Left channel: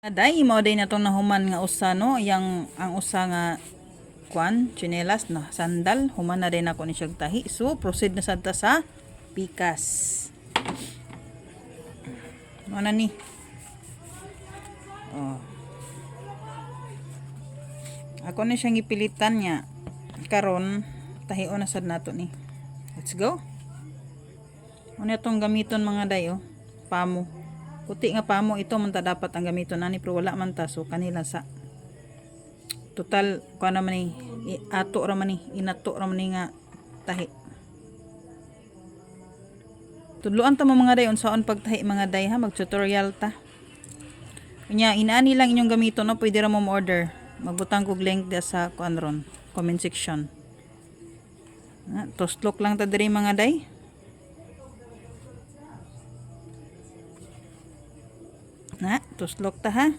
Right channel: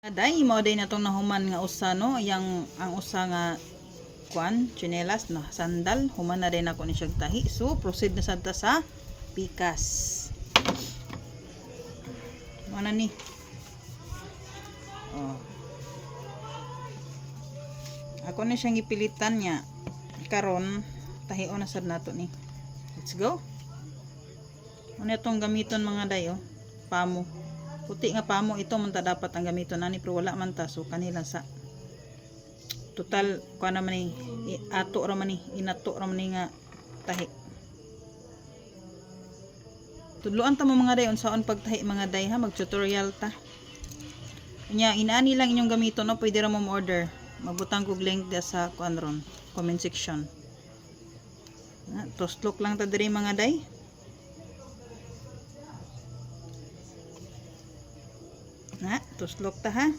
Aday mo day na tong nahuman nga usa no, yang ang usa nga kwan, tsinelas na sandal, human na din ako ni siyang tahi. So proceed na sadta sa pikas. Ano ni? Oh. Ako ni siyang ipilitan niya. Karon tahion na sad nato ni. Let's go. Ano itong gamiton mga dayo? Pamo. Puti nga pamo ito man ta dapat ang gamiton ani pero wala man ta so kanila sa total kuan naman ni ato ra man ni inato ra man ni nga tahi. Tudloan ta mo mga day unsaon pagtahi mga day ha, mag tutorial ta. Nya inaani lang inyong gamiton no, pwede ra mo order. Magbutang kog link dia sa kuan ron, comment section. Toslok lang ta diri mga day. Na, tuslok ta ha.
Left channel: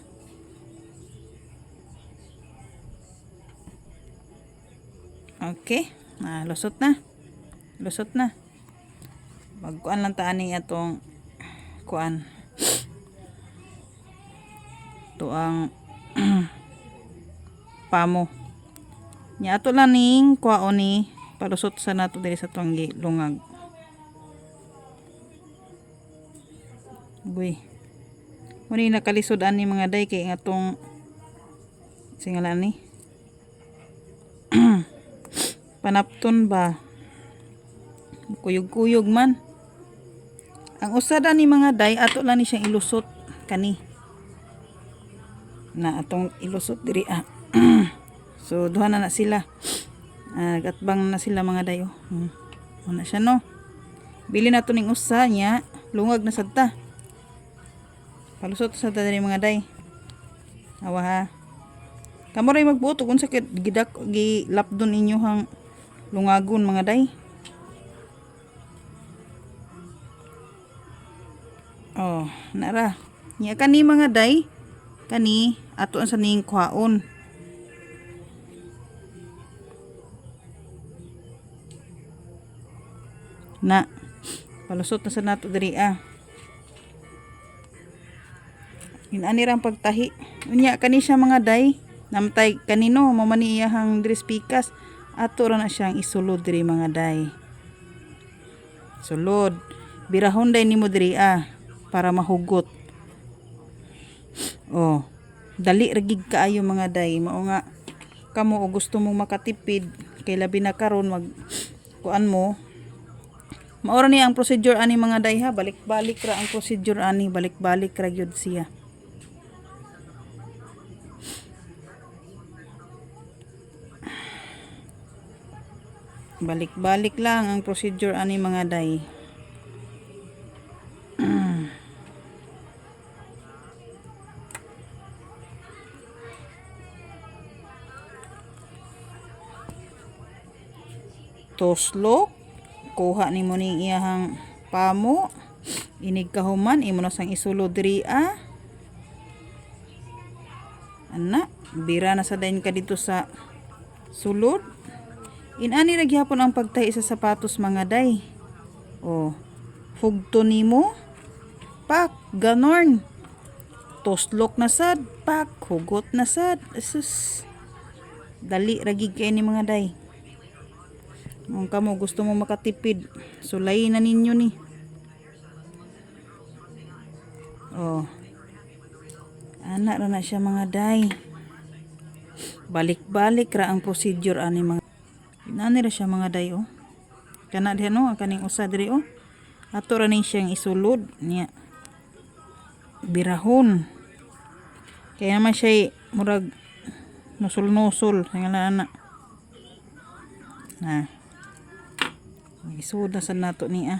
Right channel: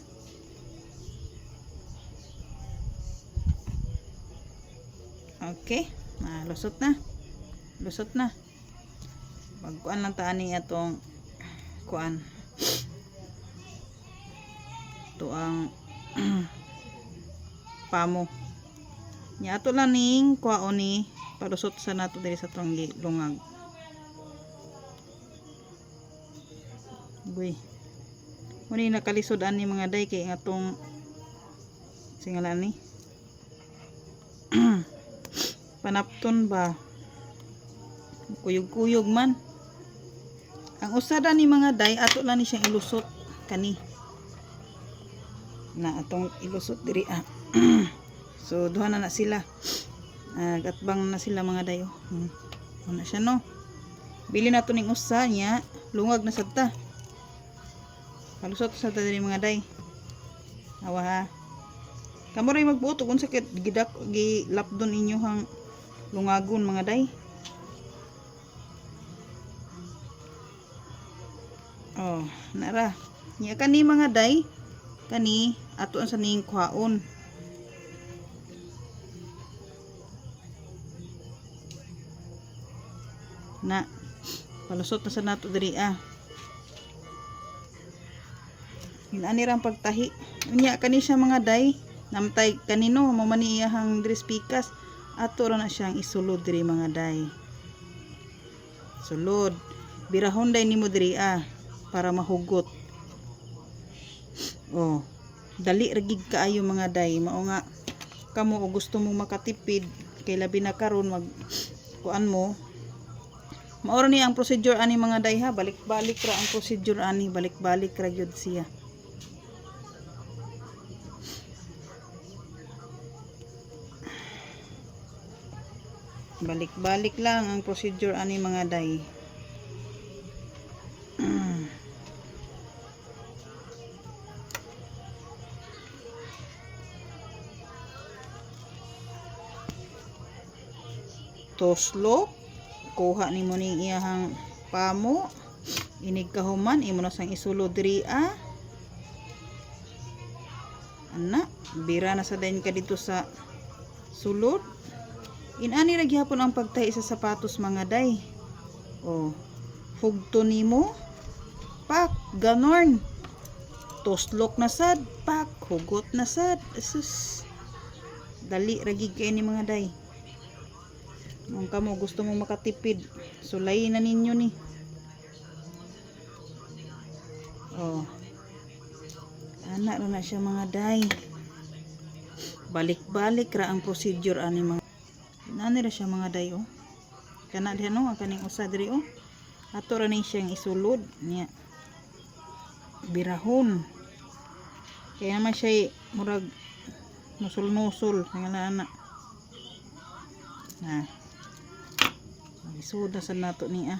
Okay. Lusot na. Lusot na. Magkuan lang ta ani atong kuan. Ito ang pamo. Nya ato lang ning kuaon ni palusot sa nato diri sa tonggi lungag. Buy. Muni nakalisod ani mga day kay atong singalan ni panapton ba kuyog-kuyog man ang usada ni mga day ato lang ni siyang ilusot kani na atong ilusot diri so duha na sila gatbang na sila mga day una siya no bili na to ning usa niya lungag na sadta. Palusot sa tadiri mga day. Awa ha. Kamo ray magbuto kung sakit gidak gilapdon inyo hang lungagon mga day. Oh, nara. Nya kani mga day, kani ato sa ning kwaon. Na. Palusot na sa nato diri Inani rang pagtahi. Unya kani siya mga day, namtay kanino mamani iyahang dress pikas. Ato ra na siyang isulod diri mga day. Sulod. Birahon day nimo diri para mahugot. Oh, dali ra gid kaayo mga day. Mao nga kamo og gusto mong makatipid kay labi na karon mag kuan mo. Maora ni ang procedure ani mga day ha, balik-balik ra ang procedure ani, balik-balik ra gyud siya. Balik-balik lang ang procedure ani mga day. Toslok, kuha nimo ning iyahang pamo, inig kahuman imo na sang isulod diri Ana, bira na sa dayon ka dito sa sulod. Inani ra gyapon ang pagtahi sa sapatos mga day. Oh, hugto nimo. Pak, ganorn. Toslok na sad, pak, hugot na sad. Asus. Dali ra gid kay ni mga day. Kung kamo gusto mo makatipid, sulay na ninyo ni. Oh. Ana ra na siya mga day. Balik-balik ra ang procedure ani mga. Nani ra siya mga day Kana diha no kaning usa diri Ato ra ni siyang isulod niya. Birahon. Kaya naman siya murag nusul-nusul nga ana. Na. Isuda sa nato ni